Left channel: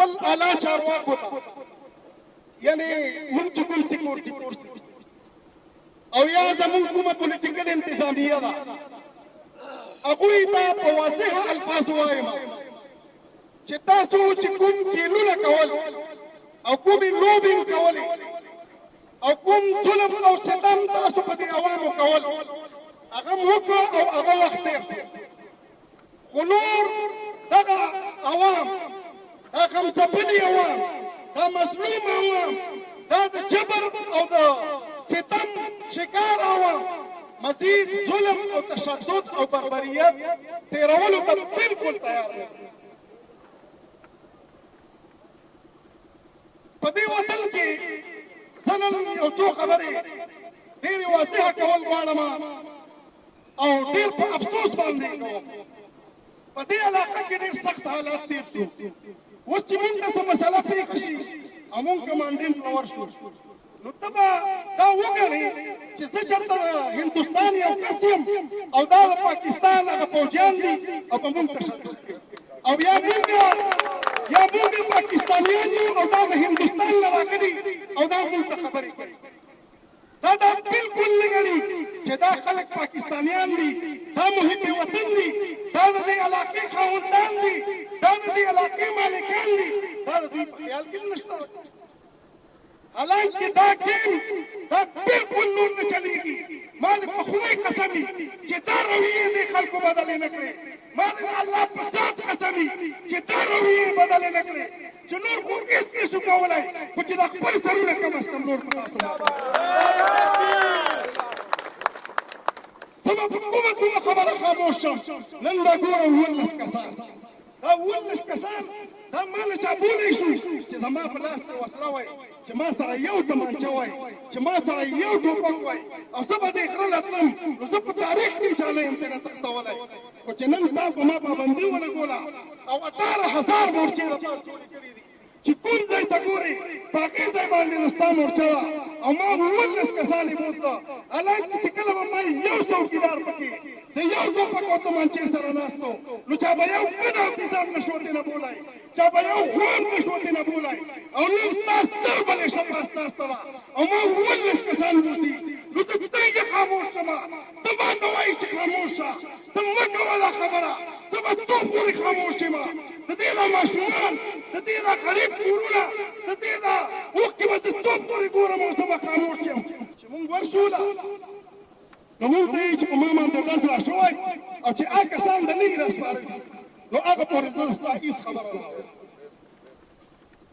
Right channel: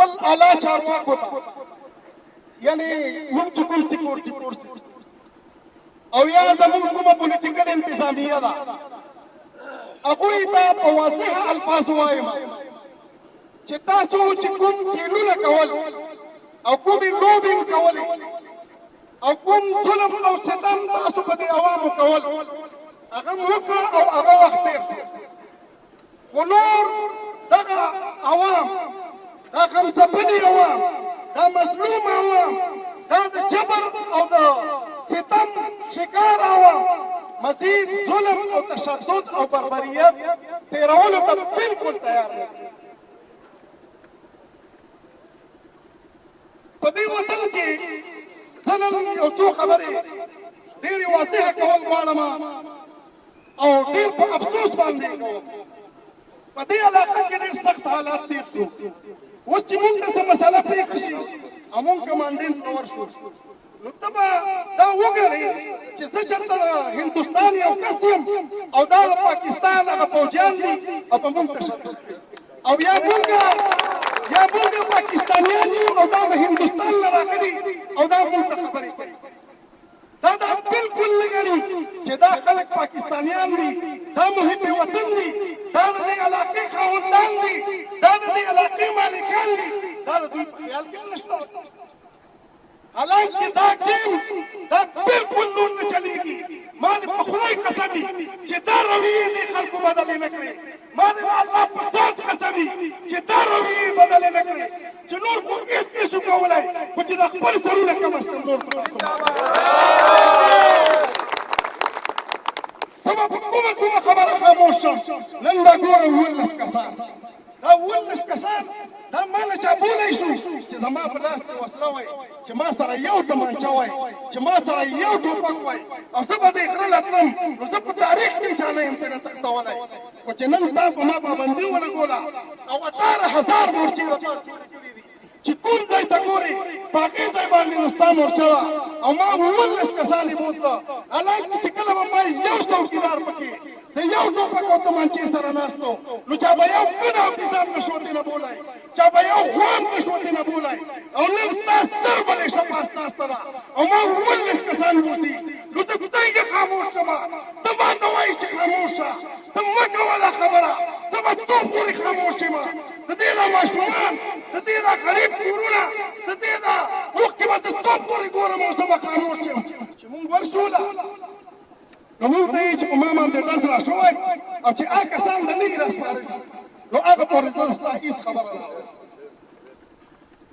خپل اعلی چارواکو ته یعنې موږ چې کوم سکیورټي فورس او یا زموږ کومه پولیټیکل انتظامیه ده هغوی ته په واضح الفاظو وایم چې تاسو چې کوم ګیلونه کول او کومې لوبې کولې او کوم ظلم او ستم تاسو په دې عوامو کول هغه وکړه او هغه وخت تېر شو خو نور دغه عوام دا غمځپلي عوام دا مظلوم عوام دا د جبر او د ستم شکار عوام مزید ظلم او تشدد او بربریت تیرولو ته بالکل تیار نه په دې وطن کې زه نن یو څو خبرې ډېرې واضحه کول غواړم او ډېر په افسوس باندې کوم په دې علاقه کې ډېر سخت حالات تېر شو اوس چې موږ ته څه مسله پېښه شي او موږ کمانډنټ ته ورشو نو ته به دا وګڼې چې زه چېرته هندوستان یو کس یم او دا د پاکستان هغه فوجیان دي او په موږ تشدد کوي او یا موږ پاکستانیان یو او دا د هندوستان نه راغلي او دا موږ ته خبرې کوي دا بالکل نه ګڼي چې دا خلک پاکستانیان دي دا محب وطن دي دا د دې علاقې خاوندان دي دا د دې علاقې مالکان دي دا د دوی په خیال کې نشته حالانکه دا ګیم دا بالکل نور نه چلیږي ما د په خدای قسم چې دا رویې دې خلکو بدلې نه کړې ما د الله په ذات قسم چې دا رویې بدلې نه کړې چې نور کوم هېڅ نشو کولی خو چې دا خپل سرونه کم از کم نور کړو زما په کومه خبره خاموش شم نن دا ګورم 19 کسان دا 19 کسان دا ما نه چا بولی شو چې زما په لاس کې وسله وای چې ما سره یو تمانچه وای چې ما سره یو ټوپک وای او زه به دې غره له تلم نو زه په تاریخ کې چا نه یم تښتولی خو چې نن تا په ما پابندي ولګوله او 18,000 مورچې راپاس جوړې کړي دي چې کوم ځای ته ګورې په هغې ځای باندې نو ستا مورچه وه او ما 19 کسان یې بوتله حالانکه چې کله به ما یو څوکیدار پکې د یو ټوپک او تمانچې سره ناست و نو چا به یو ګډ افغان نشو دې نه بولی چا به یو خوان نشو دې نه بولی او نن ستا ستر بلې شپه ستاسته ده او ما 19 کسان بوتي نو ته څنګه خاموش شمه ته ماته وایي چې خاموش شه ته مه کوه دا خبره زه به څو پورې خاموش یم د دې دا ماشومان د دې دا غریب کورونه د دې دا اوښکې به زه څو پورې ګورم او زه به خاموش یم چې مونږ ورشوله نو مونږ ته یې چې په ما باندې ډز را شوی او چې هغه کسان د نږدې راسپارل نو هغه پورې زه ستا هېڅ خبره نه اورم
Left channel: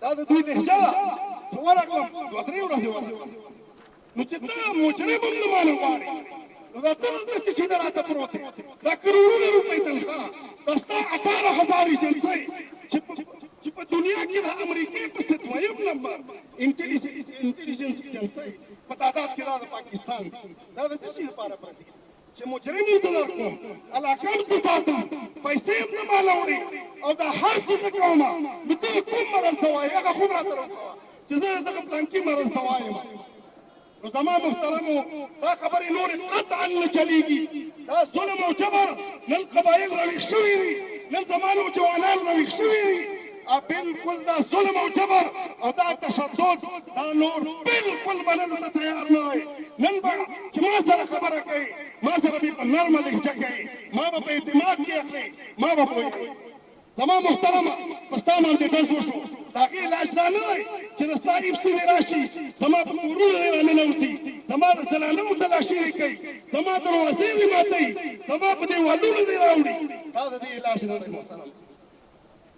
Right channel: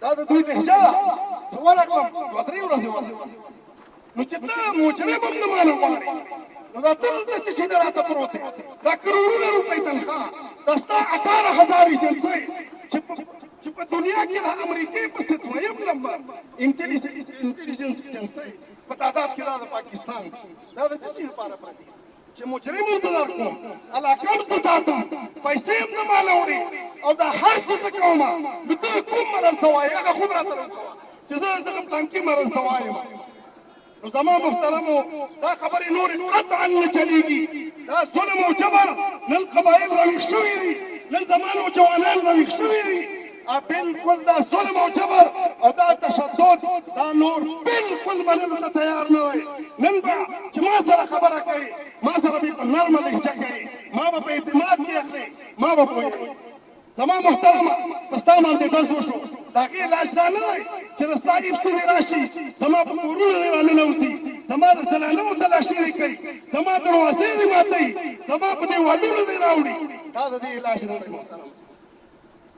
دا د دوی لهجه ده زه ورغلم 2-3 ورځې ورغلم نو چې ته مجرم هم د ما نه غواړې نو دا ته دلته څه شي ده راته پروت دی دا کروڑونه روپۍ تنخواه دا ستا 18,000 ایجنسۍ چې په دنیا کې د امریکې پسې دویم نمبر انټلیجنس ایجنسۍ په تعداد کې دا د پاکستان دا د څه شي لپاره پرتې چې مجرم هم زه درکړم علاقه هم زه ساتم پیسې هم نه ماله وړې او دا هر څه زه کوم نو ته کوم مرض ته وایې هغه خو هم راته وکوه چې زه دغه پلانکي مرض ته وایم نو زما محترمو دا خبرې نورې قطعا نه چلیږي دا ظلم او جبر نن قبایل راویښ شوي دي نن زما نوجوانان راویښ شوي دي بالکل دا ظلم او جبر او دا تشدد دا نور بالکل منلو ته تیار نه دی نن به چې ما سره خبره کوي ما سره به په نرمه لهجه کوي ما به په اعتماد کې اخلي ما به پوهېږي زما محترمه په ستا باندې ډز وشو د هغې علاج دا نه دی چې د ستا ایفسي دې راشي زما په کورونو دې راننوځي زما د زنانو تلاشي دې کوي زما دروازې دې ماتوي زما په دیوالونو دې راوړي دا د دې علاج نه دی محترمه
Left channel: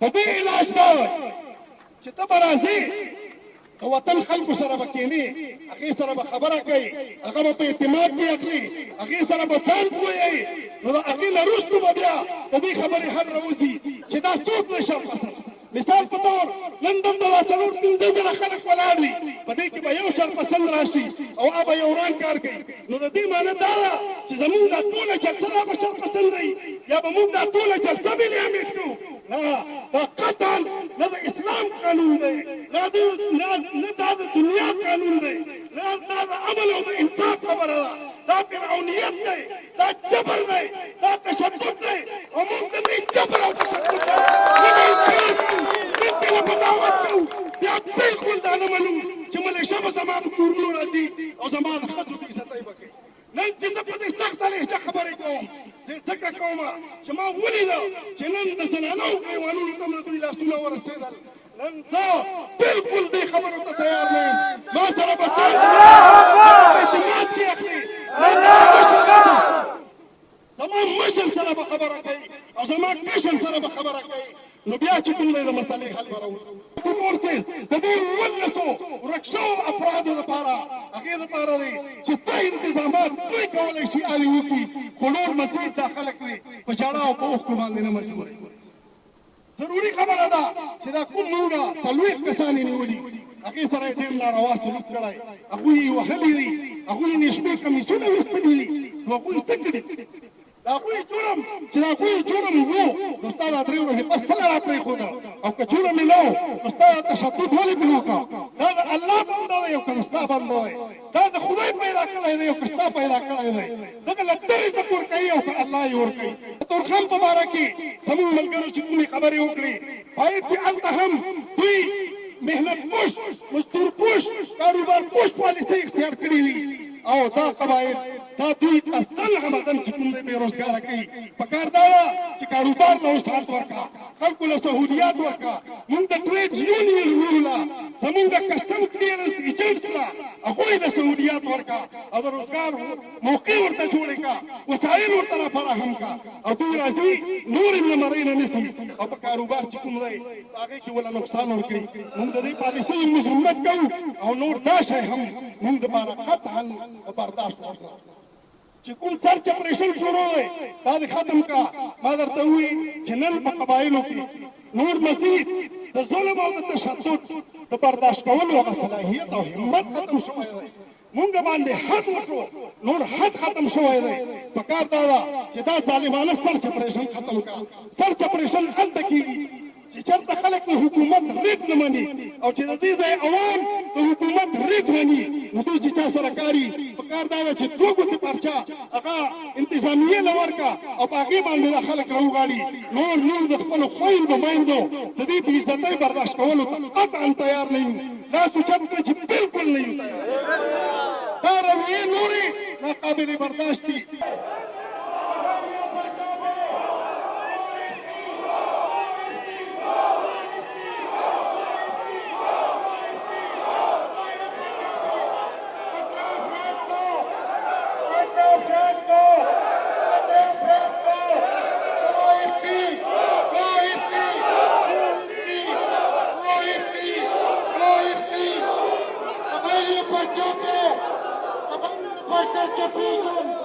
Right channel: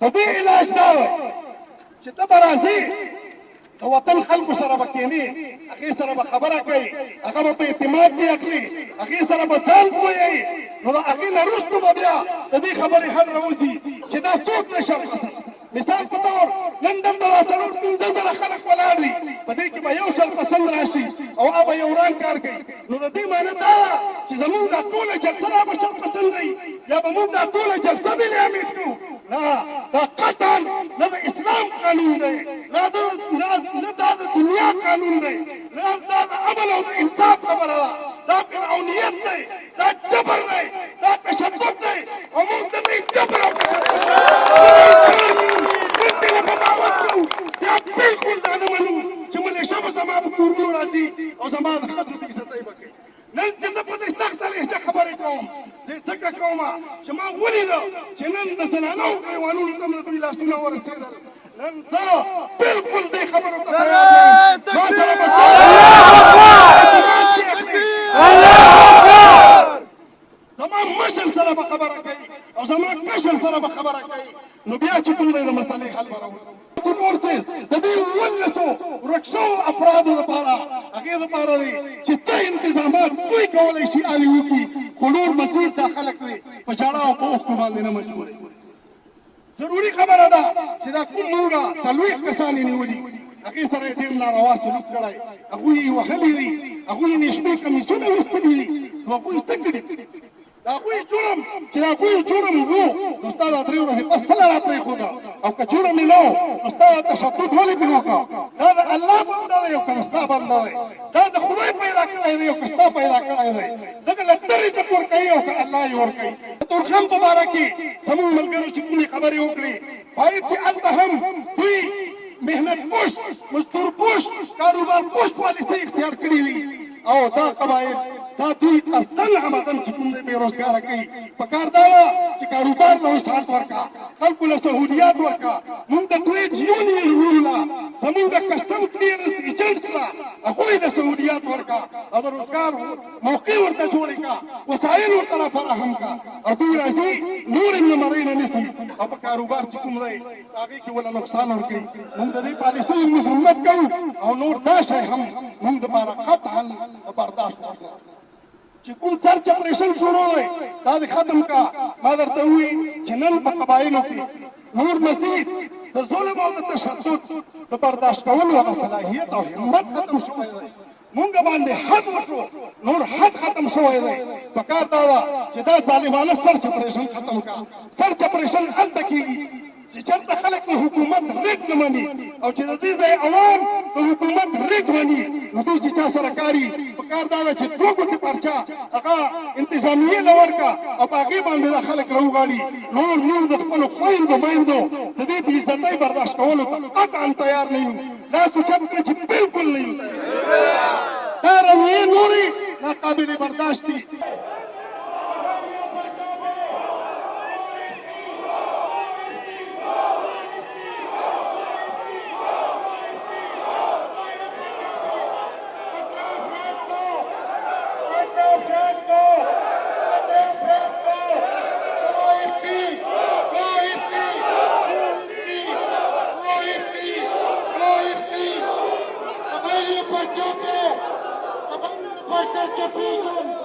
د دې علاج دا دی چې ته به راځې د وطن خلکو سره به کښېنې هغې سره به خبره کوي هغه به په اعتماد کې اخلي هغې سره به ځان پوهوي نو د هغې نه وروسته به بیا د دې خبرې حل راوځي چې دا څوک نه شرپسند مثال په طور نن دلته را 4-5 خلک ولاړ دي په دې کې به یو شرپسند راشي او هغه به یو وران کار کوي نو د دې معنی دا ده چې زموږ دا ټوله جلسه را به شرپسند دی یا به موږ دا ټوله جلسه بې امید کړو نه دا قطعا نه د اسلام قانون دی نه دا د دنیا قانون دی نه دا د عمل او د انصاف خبره ده دا فرعونیت دی دا جبر دی دا تشدد دی او موږ د دې جبر او تشدد بالکل دا نه منو چې ملیشه به زما په کورونو راځي او زما د ښځو بېعزتۍ به کوي. نن چې زه په دې سخته لهجه خبرې کوم زه ځکه کومه چې ما ولیده چې نن د زنانو ګریوانونو ته مې دوی لاسونه ورسېدل. نن زه بالکل دې خبرو ته تیار نه یم. ما سره به زما مشر سره به خبره کوي او زما کشر سره به خبره کوي. نو بیا چې کوم دی د مسلې حل به راوړو. د دې ولسو ورک شوو افرادو لپاره هغې لپاره دی چې څه انتظامات دوی کولی شي هغې وکړي، خو نور مزید دا خلک دی په ژړا او په اوښکو باندې نه مجبوروي. ضروري خبره ده چې دا کوم موږه 40 کسان یې نیولي، هغې سره یې ډېر ناروا سلوک کړی، هغوی یې وهلي دي، هغوی یې نېشمې کمیسونه ویستلي دي. نو هغوی څه کړي؟ د هغوی جرم چې د هغوی جرم وو نو ستا دا 3 ورځې بس څه را پرېښوده، او که جرم یې نه و نو ستا دا تشدد ولې پرې وکړه؟ دا د الله بنده دی او که د ستا بنده دی؟ دا د خدای پیدا کړی دی او که ستا پیدا کړی دی؟ دغه له ته رزق ورکوي او که الله یې ورکوي. د تورخم په باره کې زموږ ملګرو چې کومې خبرې وکړې باید چې هلته هم دوی محنت پوش، مزدور پوش، کاروبار پوش پالیسۍ اختیار کړي دي او دا قبایل دا دوی اصل عمدن چې کوم دی بېروزګاره کوي. پکار دا ده چې کاروبار له وسعت ورکړه، خلکو له سهولیات ورکړه. موږ د ټریډ یونینونو له زموږ د کسټم کلیرنس ایجنټس له هغوی له سهولیات ورکړه او د روزګار موقع ورته جوړې کړه، وسایل ورته را فراهم کړه او دوی راځي نور یې له مرۍ نه نیسي او په کاروبار چې کوم دی هغې کې ولې نقصان ورکوي. موږ د دې پالیسیو مذمت کوو او نور دا شی هم موږ دپاره قطعا د برداشت وړ ده. چې کوم سرچ اپریشن شروع دی دا دې ختم کا. ما درته ووایي چې نن په قبایلو کې نور مزید د ظلم او د تشدد د برداشت کولو هغه صلاحیت او همت ختم شوی دی. مونږ باندې حد وشو، نور حد ختم شوی دی. پکار دا ده چې دا ظالمانه سرچ اپریشن ختم کا. سرچ اپریشن هلته کېږي چې چېرته خلک د حکومت ریټ نه مني او چې د دې ځای عوام د حکومت ریټ مني نو دوی چې چا سره کاري پکار دا ده چې 2 ګوتې پرچه هغه انتظامیې له ورکړه او په هغې باندې دا خلک راوغاړي. نور موږ د خپلو خویندو میندو د دې بېعزتۍ برداشت کولو ته قطعا تیار نه یو. لاس اوچت کړه چې بالکل نه یو تیار. دا رویې نورې ناقابل برداشت دي. First education.